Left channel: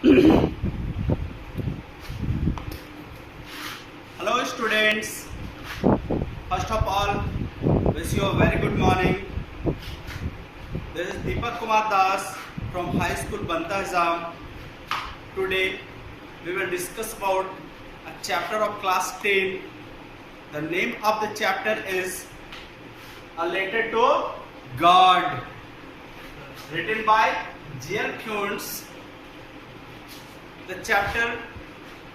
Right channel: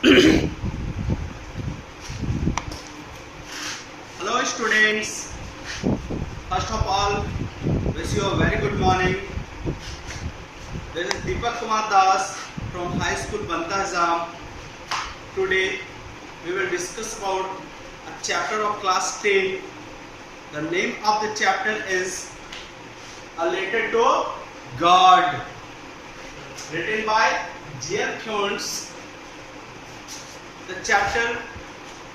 Hello students, first of all wish you a very good morning. This is Deepak Kumar Das from High School Banta Hazam. Today we will discuss about a chapter of class 10. The name of the chapter is A Letter to God, written by J.L. Kuntz. The chapter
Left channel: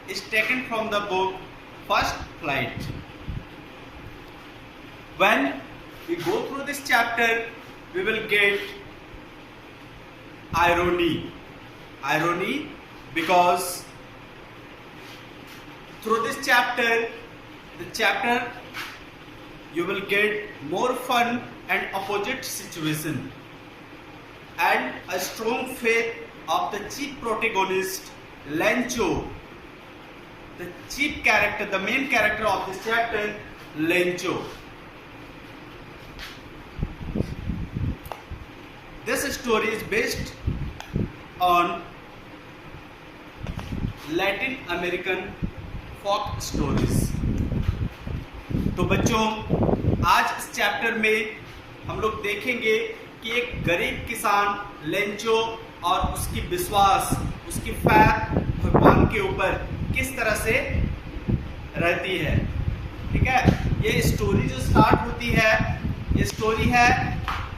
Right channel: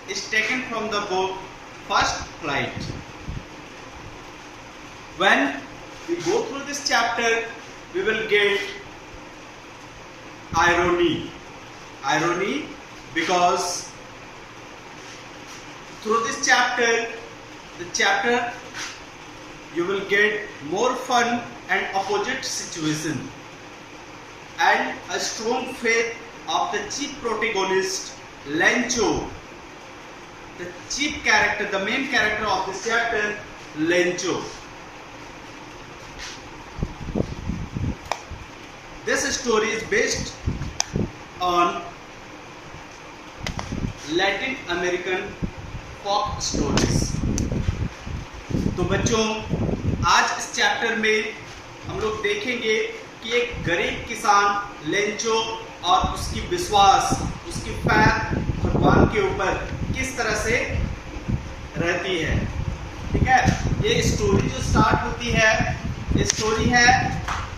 is taken from the book First Flight. When we go through this chapter, we will get irony because through this chapter, you will get more fun and opposite situation and a strong faith of the chief protagonist Lencho, the chief character, the main character of this chapter, Lencho. This story is based on Latin American folk stories. तो बच्चों, आज इस chapter में हम लोग देखेंगे कि एक गरीब किसान लेंचो और उसकी विश्वास, उसकी फैथ भगवान के ऊपर किस तरह से रहती है। ठीक है, ये स्टोरी जो स्टार्ट होती है, ये स्टोरी है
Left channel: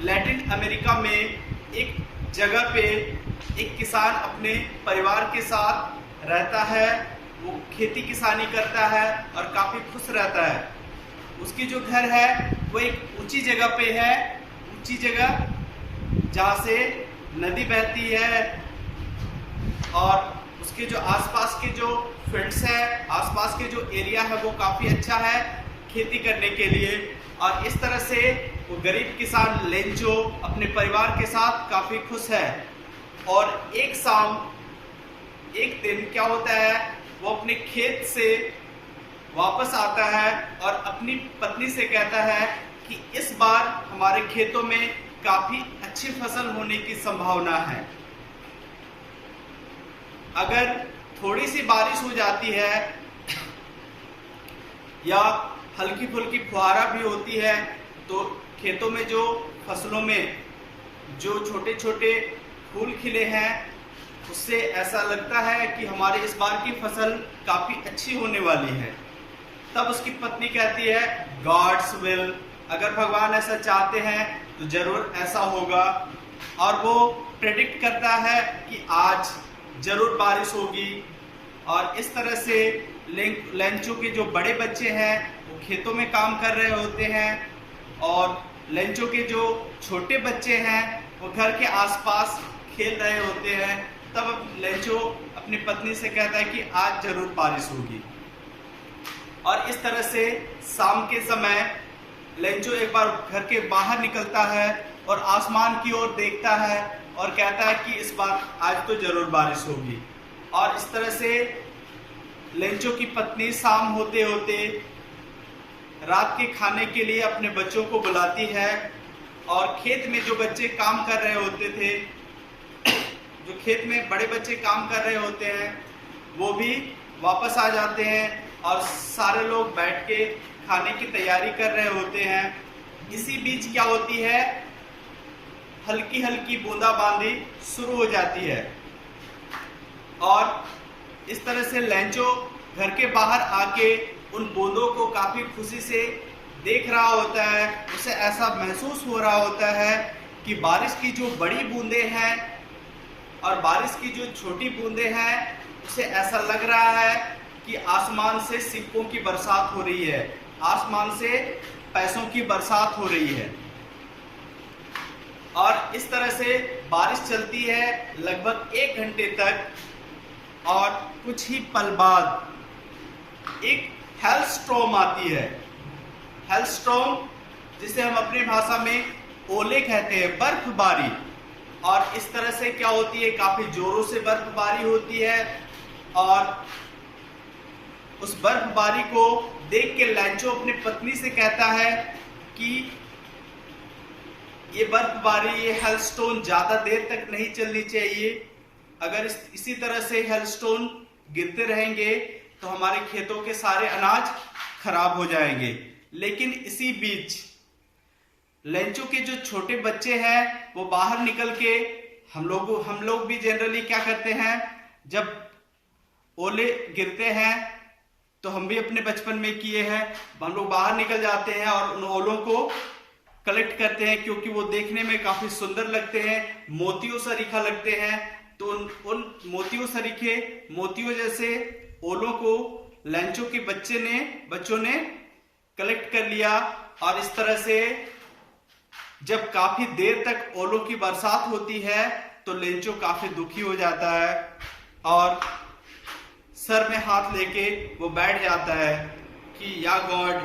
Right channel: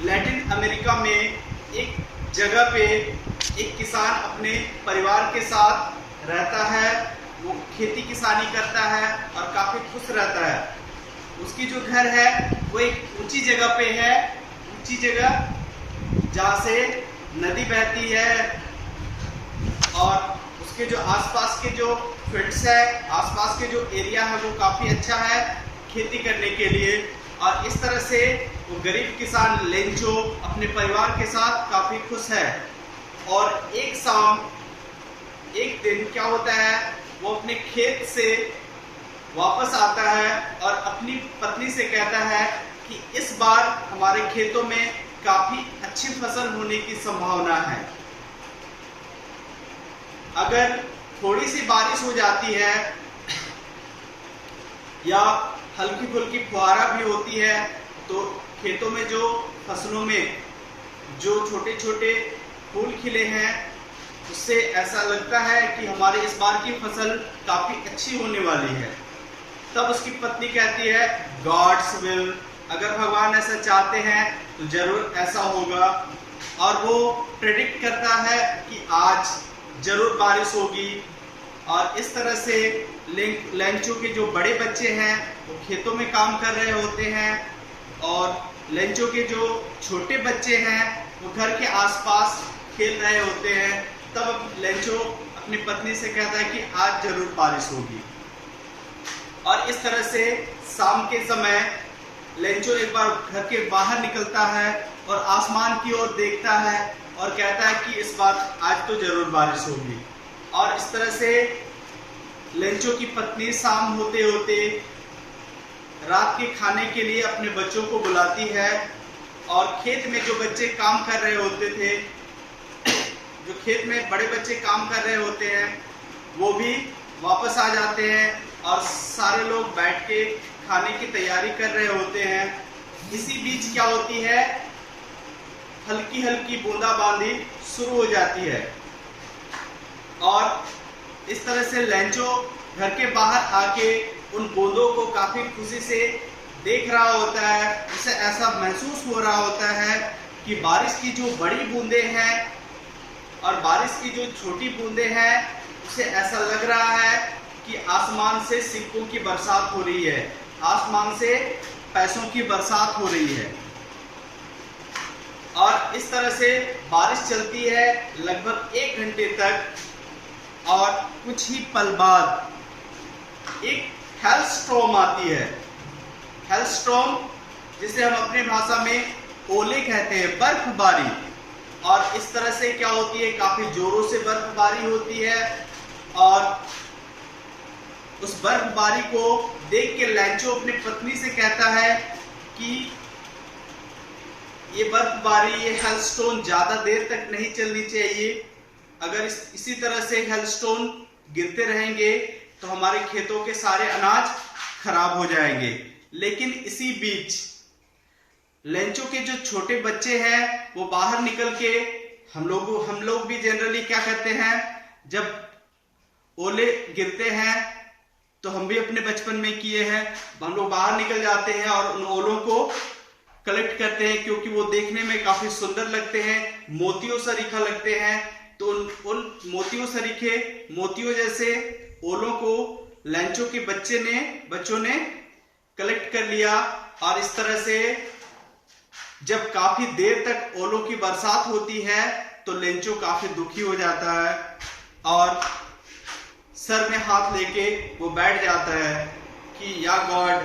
लैटिन अमेरिका में एक जगह पे एक किसान अपने परिवार के साथ रहता है। वो खेती किसानी करता है और काफ़ी खुश रहता है। उसकी जो घर है वो एक ऊंची जगह पे है, ऊंची जगह जहाँ से नदी बहती है और उसके जो आसपास के जो फील्ड्स है, आसपास के जो एरिया है वो काफ़ी अच्छा है खेती करने के लिए। और इस तरह से वो गरीब किसान लेंचो अपने परिवार के साथ काफ़ी खुश है। और एक दिन क्या होता है, वो अपने खेत से वापस आता है और अपनी पत्नी से कहता है कि इस बार हमारे खेतों में काफ़ी अच्छी फसल होने की संभावना है। अगर थोड़ी सी बारिश हो जाती है या हल्की फुल्की फुहारा भी होती है तो खेतों में जो फसलों में जो छोटे छोटे फूल खिले हैं उससे ऐसा लगता है कि हमारे इस बार की फसल काफ़ी अच्छी होने वाली है। तब उसकी पत्नी कहती है गॉड्स विल, अगर भगवान ऐसा चाहते हैं तो जरूर ऐसा होगा। और वो प्रेडिक्ट करता है कि आज जरूर बारिश होगी। और इस तरह से लेंचो के जो बड़े बच्चे हैं वो खेतों में काम कर रहे होते हैं और लेंचो के जो छोटे बच्चे हैं वो घर के आसपास खेल रहे होते हैं। तब लेंचो अपनी पत्नी से कहता है कि आज जरूर बारिश होगी। और इस तरह से शाम के समय लेंचो एक बार घर के बाहर निकलता है और आसमान की ओर देखता है और कहता है कि इस बार आज तो जरूर बारिश होगी। और इस तरह से लेंचो की पत्नी शाम होते होते रात के खाने के लिए अपने बच्चों को बुलाती है और खेत में जो बच्चे काम कर रहे होते थे, जो खेत में बड़े बच्चे काम कर रहे होते हैं, वो भी वापस आ जाते हैं और सारे लोग बैठ के खाने की तैयारी कर रहे होते हैं। इसी बीच क्या होती है, हल्की हल्की बूंदाबांदी शुरू हो जाती है और इस तरह से लेंचो घर के बाहर आके उन बूंदों को काफ़ी खुशी से देख रहा होता है। उसे ऐसा महसूस हो रहा होता है कि बारिश की जो बड़ी बूंदें हैं और बारिश की जो छोटी बूंदें हैं, उसे ऐसा लग रहा है कि आसमान से सिक्कों की बरसात हो रही है, आसमान से पैसों की बरसात हो रही है। और इस तरह से बारिश चलती है लगभग 1 घंटे तक और कुछ ही पल बाद एक हेलस्टॉर्म आती है। हेलस्टॉर्म जिसे हम अपने भाषा में ओले कहते हैं, बर्फबारी। और इस तरह से क्या होती है, काफ़ी जोरों से बर्फबारी होती है और उस बर्फबारी को देख के लेंचो अपनी पत्नी से कहता है कि ये बर्फबारी, ये हेलस्टोन ज़्यादा देर तक नहीं चलनी चाहिए। अगर इसी तरह से हेलस्टोन गिरते रहेंगे तो हमारे खेतों के सारे अनाज खराब हो जाएंगे। लेकिन इसी बीच लेंचों के जो छोटे बच्चे हैं वो बाहर निकल के हम लोग भी जनरली क्या करते हैं, जब ओले गिरते हैं तो हम भी अपने बचपन में किए हैं, हम लोग बाहर निकल जाते हैं और उन ओलों को कलेक्ट करते हैं, क्योंकि वो देखने में काफी सुंदर लगते हैं, मोतियों सरीखा लगते हैं। तो उन मोतियों जैसे ओलों को लेंचों के बच्चों ने कलेक्ट कर लिया। और इस तरह से जब काफी देर तक ओलों की बरसात होती है तो लेंचो काफी दुखी हो जाता है और सर में हाथ लेके वो बैठ जाता है कि या गॉड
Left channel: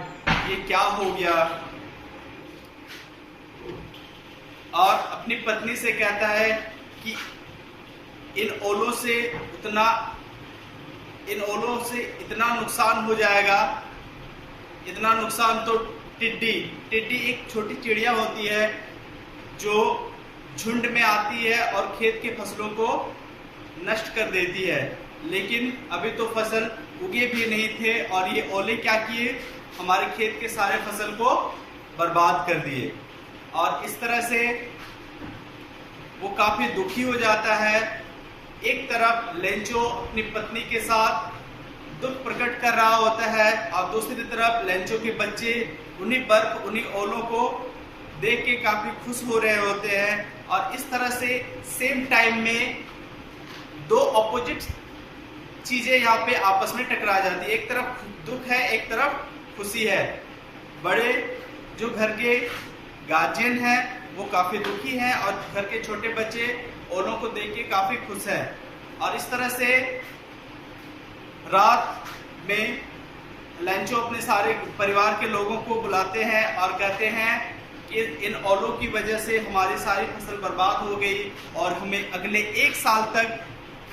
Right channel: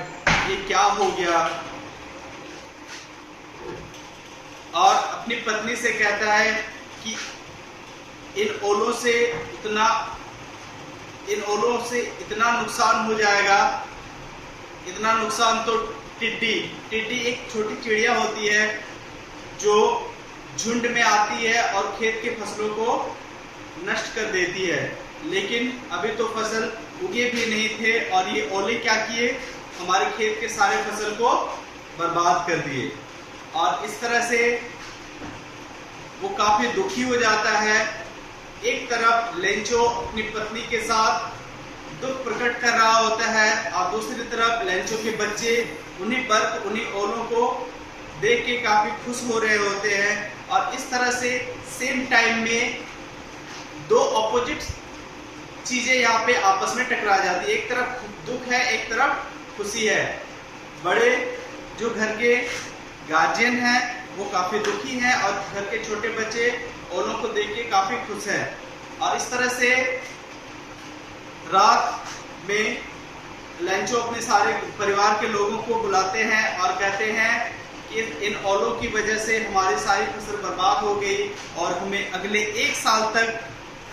ये क्या हो गया, और अपनी पत्नी से कहता है कि इन ओलों से इतना नुकसान हो जाएगा, इतना नुकसान तो टिड्डी एक छोटी चिड़िया होती है जो झुंड में आती है और खेत के फसलों को नष्ट कर देती है। लेकिन अभी तो फसल उगे भी नहीं थे और ये ओले क्या किए, हमारे खेत के सारे फसल को बर्बाद कर दिए। और इस तरह से वो काफी दुखी हो जाता है। एक तरफ लेंचो अपनी पत्नी के साथ दुख प्रकट कर रहा होता है और दूसरी तरफ लेंचो के बच्चे उन्हीं ओलों को देख के काफी खुश हो रहे होते हैं। और इस तरह से सेम टाइम में दो ऑपोजिट चीजें यहाँ पे आपस में टकरा जाती है। एक तरफ दुख है, एक तरफ खुशी है। बड़े जो घर के गार्जियन हैं वो काफी दुखी हैं और घर के छोटे बच्चे ओलों को देख के काफी खुश हैं। और इस तरह से रात में लेंचो अपने सारे परिवार के लोगों को बुलाते हैं और कहते हैं कि इन ओलों की वजह से हमारी सारी फसल बर्बाद हो गई और हमें अगले 1 साल तक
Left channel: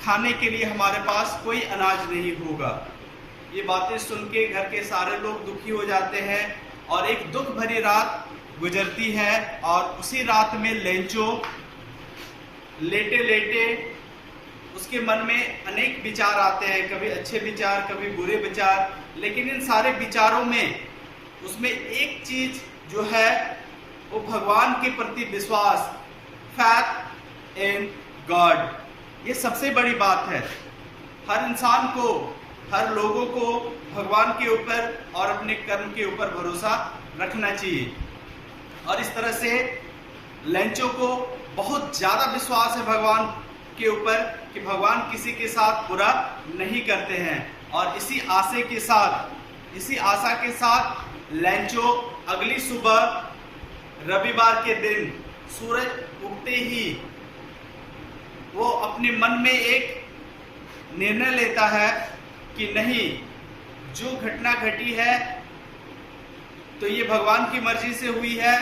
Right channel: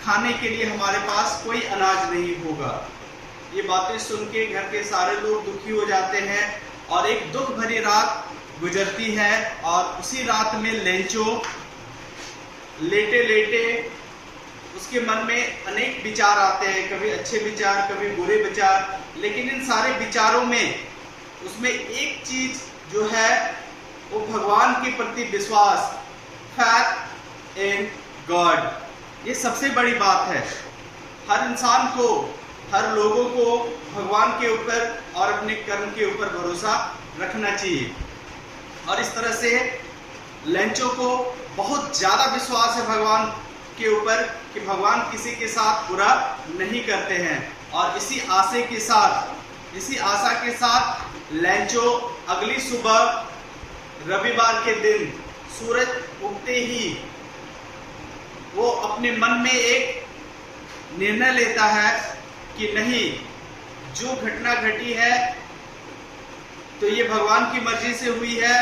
खाने के लिए हमारे पास कोई अनाज नहीं होगा। ये बातें सुन के घर के सारे लोग दुखी हो जाते हैं और एक दुख भरी रात गुजरती है। और उसी रात में लेंचो लेटे लेटे उसके मन में अनेक विचार आते हैं, कभी अच्छे विचार, कभी बुरे विचार। लेकिन इन सारे विचारों में उसमें एक चीज जो है वो भगवान के प्रति विश्वास, फैथ इन गॉड, ये सबसे बड़ी बात है। हर इंसान को, हर लोगों को भगवान के ऊपर और अपने कर्म के ऊपर भरोसा रखना चाहिए। और इस तरह से लेंचो को बहुत ज्यादा विश्वास है भगवान के ऊपर कि भगवान किसी के साथ बुरा नहीं करते हैं। और इसी आशा के साथ लेंचो अगली सुबह रविवार के दिन सूरज उगते ही वो अपने मन में एक निर्णय लेता है कि नहीं, जो घटना घटी है तो ये भगवान की मर्जी से हुई है,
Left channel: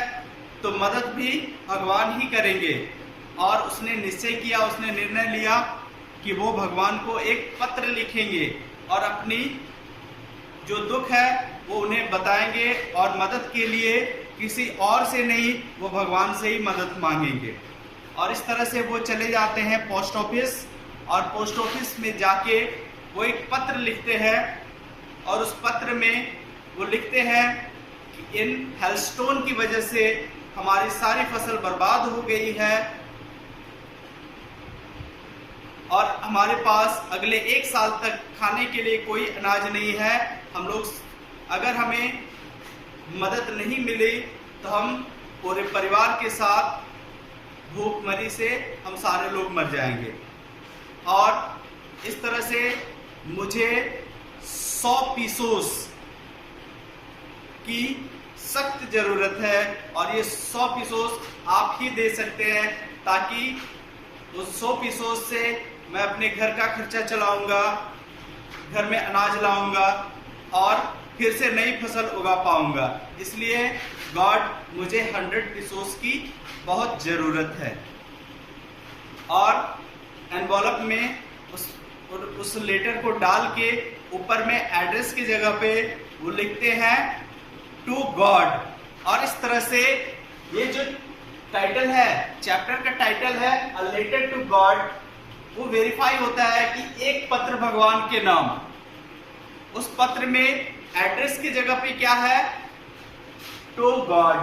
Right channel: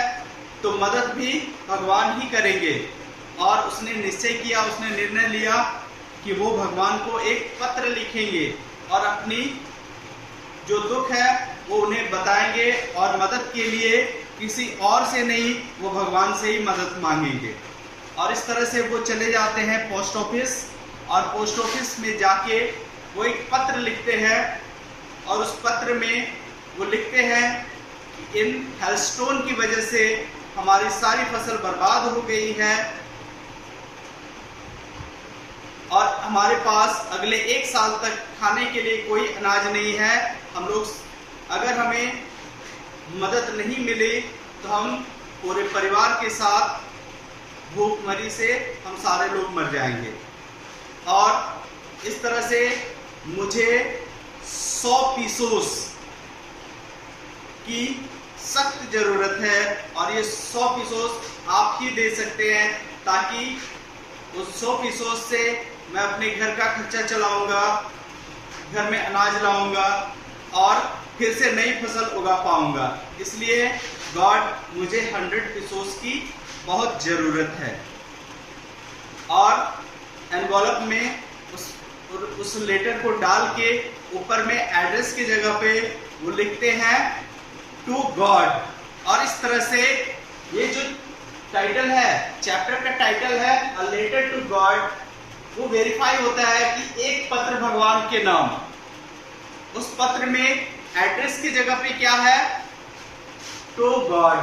तो मदद भी भगवान ही करेंगे। और उसने निश्चय किया, उसने निर्णय लिया कि वो भगवान को एक पत्र लिखेंगे और अपनी जो दुख है वो उन्हें बताएंगे और मदद के लिए किसी और से नहीं, वो भगवान से ही मदद मांगेंगे। और इस तरह से वो चले जाते हैं पोस्ट ऑफिस और पोस्ट ऑफिस में जाके वो एक पत्र लिखते हैं और उस पत्र में वो लिखते हैं कि इन हेलस्टोन की वजह से हमारी सारी फसल बर्बाद हो गई है और हमारे पास अगले 1 साल तक खाने के लिए कोई अनाज नहीं है। हम लोग, अगर हमें मदद नहीं मिली तो हम पूरे परिवार के साथ भूखमरी से हम सारे लोग मर जाएंगे। और इस तरह से मुझे 100 पीसोस की सख्त जरूरत है और ये 100 पीसोस आप ही दे सकते हैं, ताकि उस 100 पीसोस से मैं अपने घर का खर्चा चलाऊंगा, घर में अनाज लाऊंगा और फिर से नई फसल उगा पाऊंगा। इसलिए गॉड, मुझे 100 पीसोस की बहुत जरूरत है। और एनवॉलप में उस लेटर को डाल के ऊपर में एड्रेस की जगह पे वो लिखते हैं टू गॉड। और इस तरह से ये जो टाइटल है, चैप्टर का टाइटल है अ लेटर टू गॉड, वो वेरीफाई होता है कि एक पत्र भगवान के नाम, उस पत्र में एड्रेस की जगह पे क्या है, टू गॉड।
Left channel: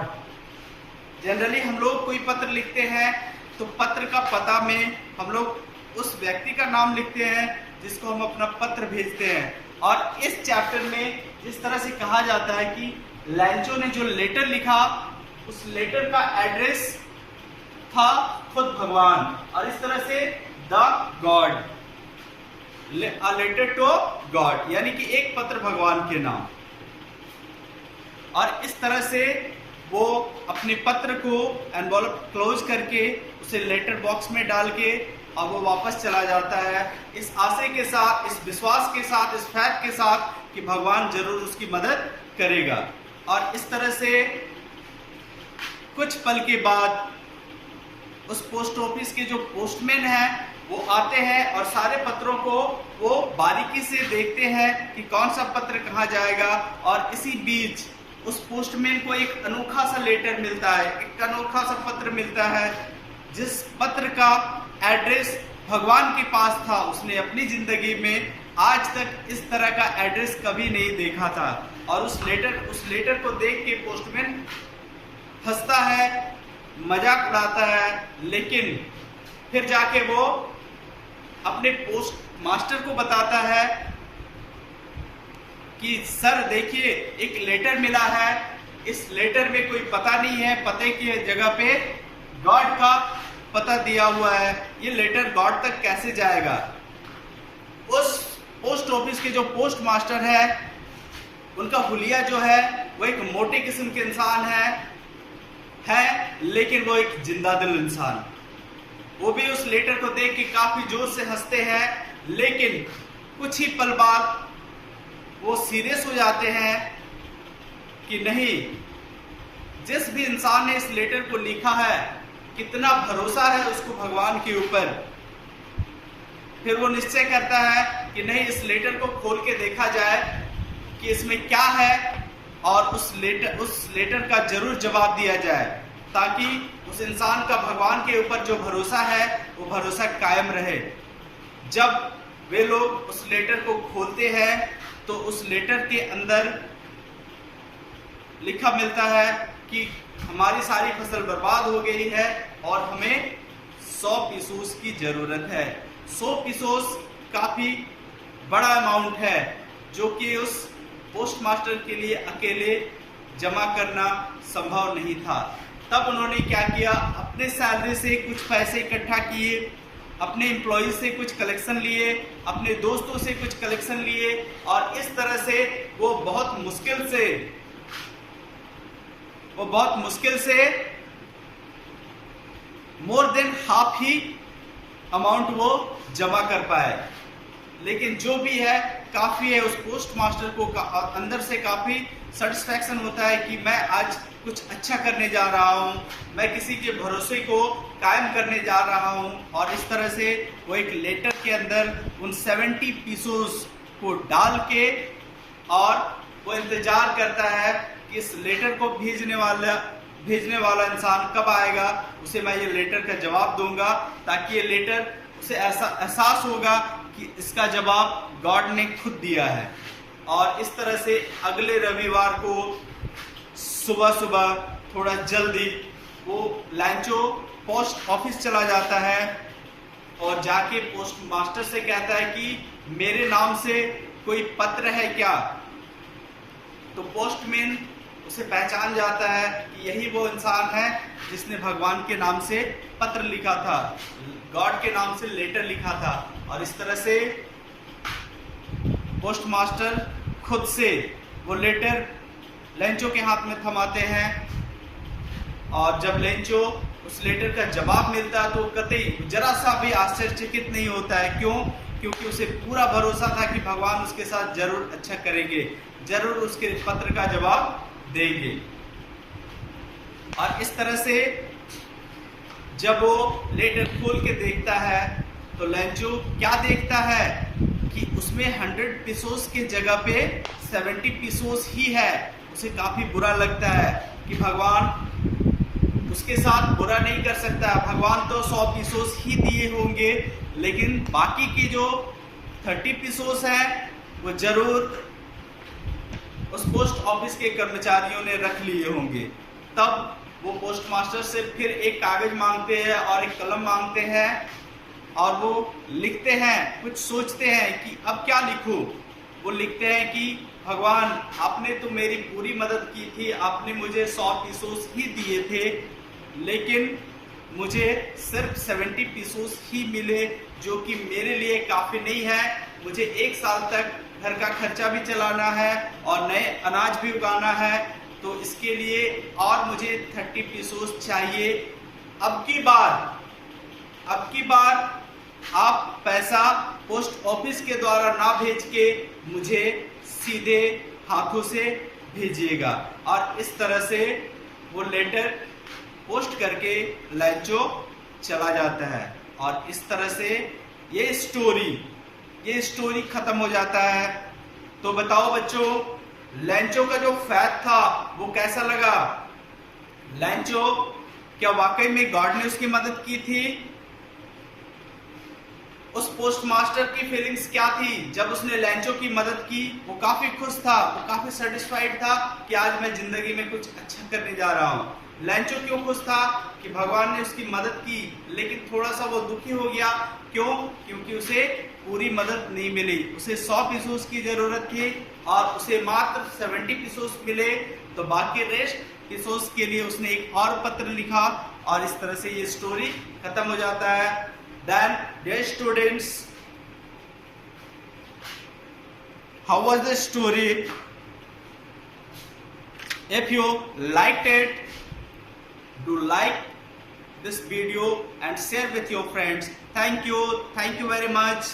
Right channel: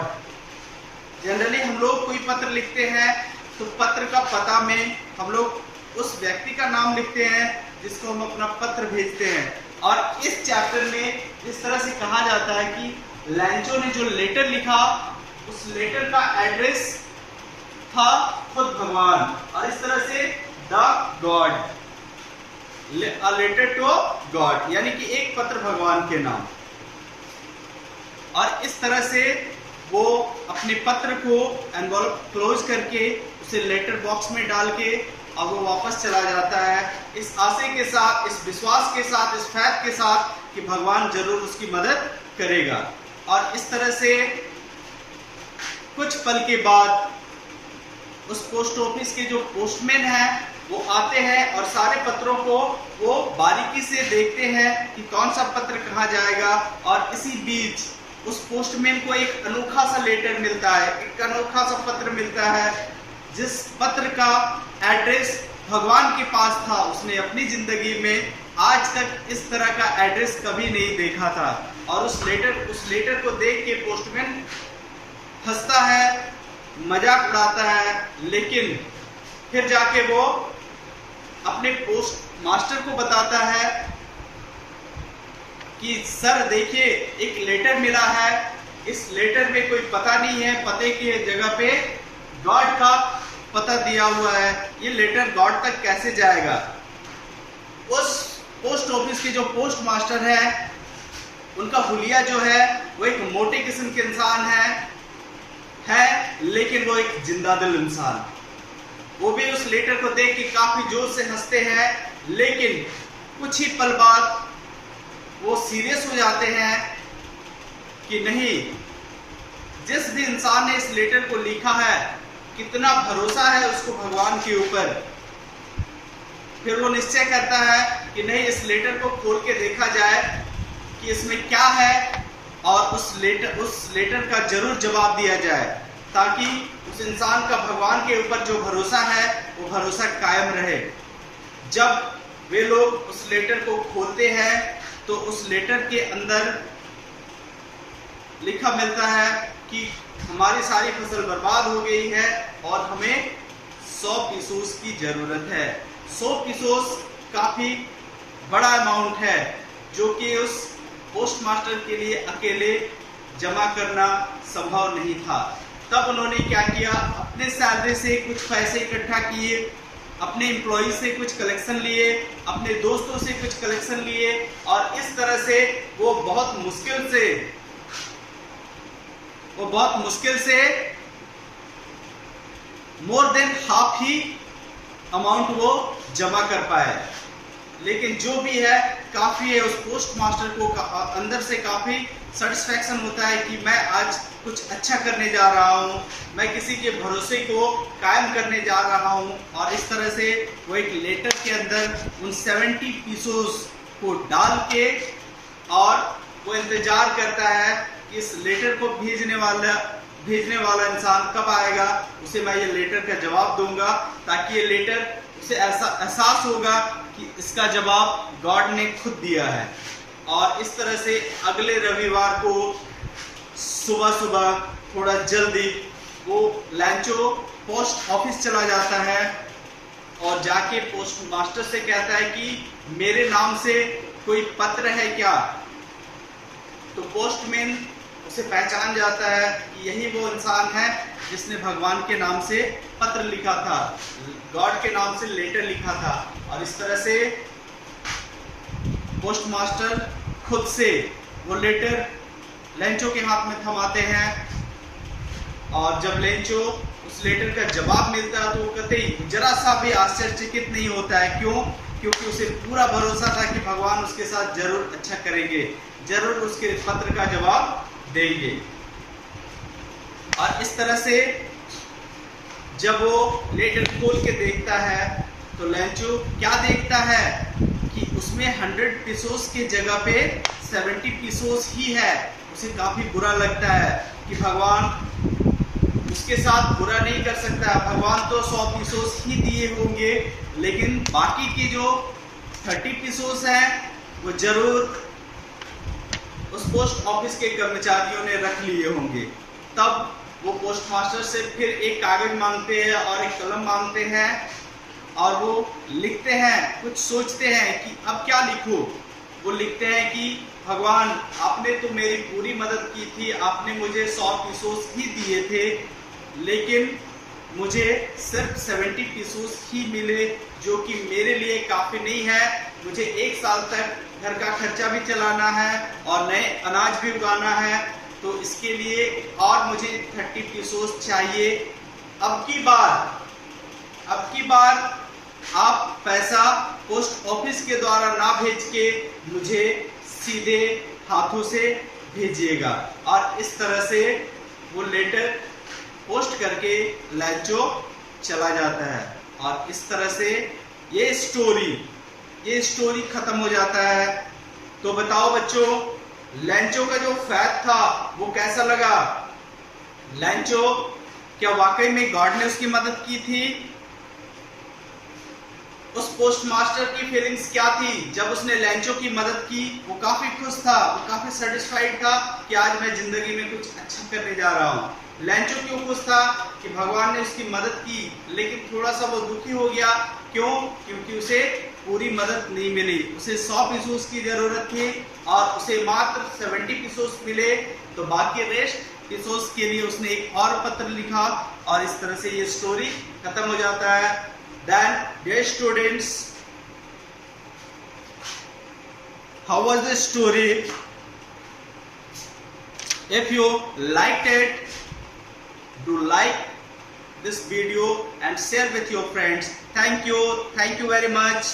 जनरली हम लोग कोई पत्र लिखते हैं तो पत्र का पता में हम लोग उस व्यक्ति का नाम लिखते हैं जिसको हम अपना पत्र भेजते हैं। और इस चैप्टर में इस तरह से कहा जाता है कि लैंचो ने जो लेटर लिखा उस लेटर का एड्रेस था खुद भगवान, और इस तरह से the God, a letter to God, यानी कि एक पत्र भगवान के नाम। और इस तरह से वो अपने पत्र को एनवॉल्प क्लोज करके उसे लेटर बॉक्स में डाल के और वो वापस चला जाता है, इस आशय के साथ, इस विश्वास के साथ, इस फैक्ट के साथ कि भगवान जरूर उसकी मदद करेगा। और इस तरह से कुछ पल के बाद उस पोस्ट ऑफिस के जो पोस्टमैन हैं वो आते हैं और सारे पत्रों को वो बारीकी से देखते हैं कि कौन सा पत्र कहाँ जाएगा। और इसी बीच उस पोस्टमैन को एक अनोखा सा लेटर मिलता है, एक अनोखा सा पत्र मिलता है, जिस पत्र का एड्रेस भगवान के पास था। उसने अपनी जिंदगी में आज तक इस तरह का एड्रेस कभी नहीं देखा था। और उस लेटर को देख के पोस्टमैन हंसता है, मजाक उड़ाता है, लेकिन फिर जाके वो अपने पोस्ट मास्टर को बताता है कि सर देखिए एक लेटर मिला है, इस लेटर में कोई पता नहीं है, पते की जगह पे गॉड का पता दिया हुआ है, ये लेटर गॉड तक कैसे जाएगा। उस पोस्ट ऑफिस के जो पोस्ट मास्टर है उनका हुलिया जो है वो एक मोटे किस्म के इंसान है, लेकिन वो एक जिंदा दिल इंसान। वो भी उस लेटर को देख के काफी जोर से हंसते हैं, लेकिन कुछ ही पल बाद वो सीरियस हो जाते हैं कि नहीं, जिस भी इंसान ने इस लेटर को लिखा है कितना भरोसा है उसको भगवान के ऊपर। फिर वो निश्चय करता है कि नहीं, इस लेटर को खोल के देखा जाए कि इसमें क्या है और उस लेटर का जरूर जवाब दिया जाए, ताकि उस इंसान का भगवान के ऊपर जो भरोसा है वो भरोसा कायम रहे। जब वे लोग उस लेटर को खोलते हैं तो उस लेटर के अंदर लिखा मिलता है कि हमारी सारी फसल बर्बाद हो गई है और हमें 100 पीसोस की जरूरत है। 100 पीसोस काफी बड़ा अमाउंट है जो कि उस पोस्ट मास्टर के लिए अकेले जमा करना संभव नहीं था। तब उन्होंने क्या किया, अपने सैलरी से कुछ पैसे इकट्ठा किए, अपने एम्प्लॉय से कुछ कलेक्शन लिए, अपने दोस्तों से कुछ कलेक्शन लिए, और इस तरह से वो बहुत मुश्किल से मोर देन हाफ ही अमाउंट वो जमा कर पाए। लेकिन जो भी है काफी है, उस पोस्ट मास्टर को अंदर से काफी सेटिस्फैक्शन होता है कि मैं आज कुछ अच्छा करने जा रहा हूँ, मैं किसी के भरोसे को कायम करने जा रहा हूँ। और इस तरह से वो एक लेटर के अंदर उन 70 पीसोस को डाल के और वो इंतजार करता है कि इस लेटर को भेजने वाला इंसान कब आएगा, उसे मैं ये लेटर का जवाब दूंगा, ताकि ये लेटर उसे ऐसा एहसास होगा कि इसका जवाब गॉड ने खुद दिया है। और इस तरह से अगले रविवार को सुबह थोड़ा जल्दी वो लैंचो पोस्ट ऑफिस चला जाता है और जाके पोस्ट मास्टर से कहता है कि मेरे नाम से कोई पत्र है क्या। तो पोस्टमैन उसे पहचान जाता है कि यही वो इंसान है जिसने भगवान के नाम से पत्र लिखा था, गॉड के नाम से लेटर लिखा था। और इस तरह से पोस्ट मास्टर खुद से वो लेटर लेंचो के हाथ में थमाते हैं, और जब लेंचो उस लेटर का जवाब मिलता है तो कतई जरा सा भी आश्चर्यचकित नहीं होता है। क्यों? क्योंकि उसे पूरा भरोसा था कि भगवान उसके साथ जरूर अच्छा करेंगे, जरूर उसके पत्र का जवाब देंगे। और इस तरह से जब वो लेटर खोल के देखता है तो लेंचो क्या देखता है कि उसमें 100 पीसोस की जगह पे 70 पीसोस ही है। उसे काफी बुरा लगता है कि भगवान उसके साथ बुरा नहीं कर सकता, भगवान तो 100 पीसोस ही दिए होंगे, लेकिन बाकी की जो 30 पीसोस हैं वो जरूर उस पोस्ट ऑफिस के कर्मचारियों ने रख लिए होंगे। तब वो पोस्ट मास्टर से फिर एक कागज मांगते हैं और एक कलम मांगते हैं और वो लिखते हैं, कुछ सोचते हैं कि अब क्या लिखूं। वो लिखते हैं कि भगवान, आपने तो मेरी पूरी मदद की थी, आपने मुझे 100 पीसोस ही दिए थे, लेकिन मुझे सिर्फ 70 पीसोस ही मिले, जो कि मेरे लिए काफ़ी नहीं है। मुझे 1 साल तक घर का खर्चा भी चलाना है और नए अनाज भी उगाना है, तो इसके लिए और मुझे 30 पीसोस चाहिए। अब की बार आप पैसा पोस्ट ऑफिस के द्वारा ना भेज के मुझे सीधे हाथों से भेजिएगा। और इस तरह से वो लेटर पोस्ट करके लैंचो चला जाता है और इस तरह से ये स्टोरी खत्म हो जाता है। तो बताओ बच्चों, लैंचो का जो फैट था वो कैसा लगा? लैंचो, क्या वाकई में गॉड ने उसकी मदद की थी? उस पोस्ट मास्टर की फीलिंग्स क्या थी जब उसने लैंचो की मदद की? वो काफी खुश था, वो काफी सेटिस्फाइड था कि आज मैं जिंदगी में कुछ अच्छा करने जा रहा हूँ। लैंचो क्यों खुश था? कि भगवान ने उसकी मदद की, लेकिन थोड़ा सा वो दुखी हो गया। क्यों? क्योंकि उसे पूरी मदद नहीं मिली। उसे 100 पीसोस की जरूरत थी और उसे मात्र 70 पीसोस मिले, तो बाकी रेस्ट पीसोस के लिए उसने एक और पत्र लिखा और इस तरह से ये स्टोरी खत्म हो जाता है। Then, dear students, how was the story? If you liked it, do like this video and share with your friends. Thank you very much.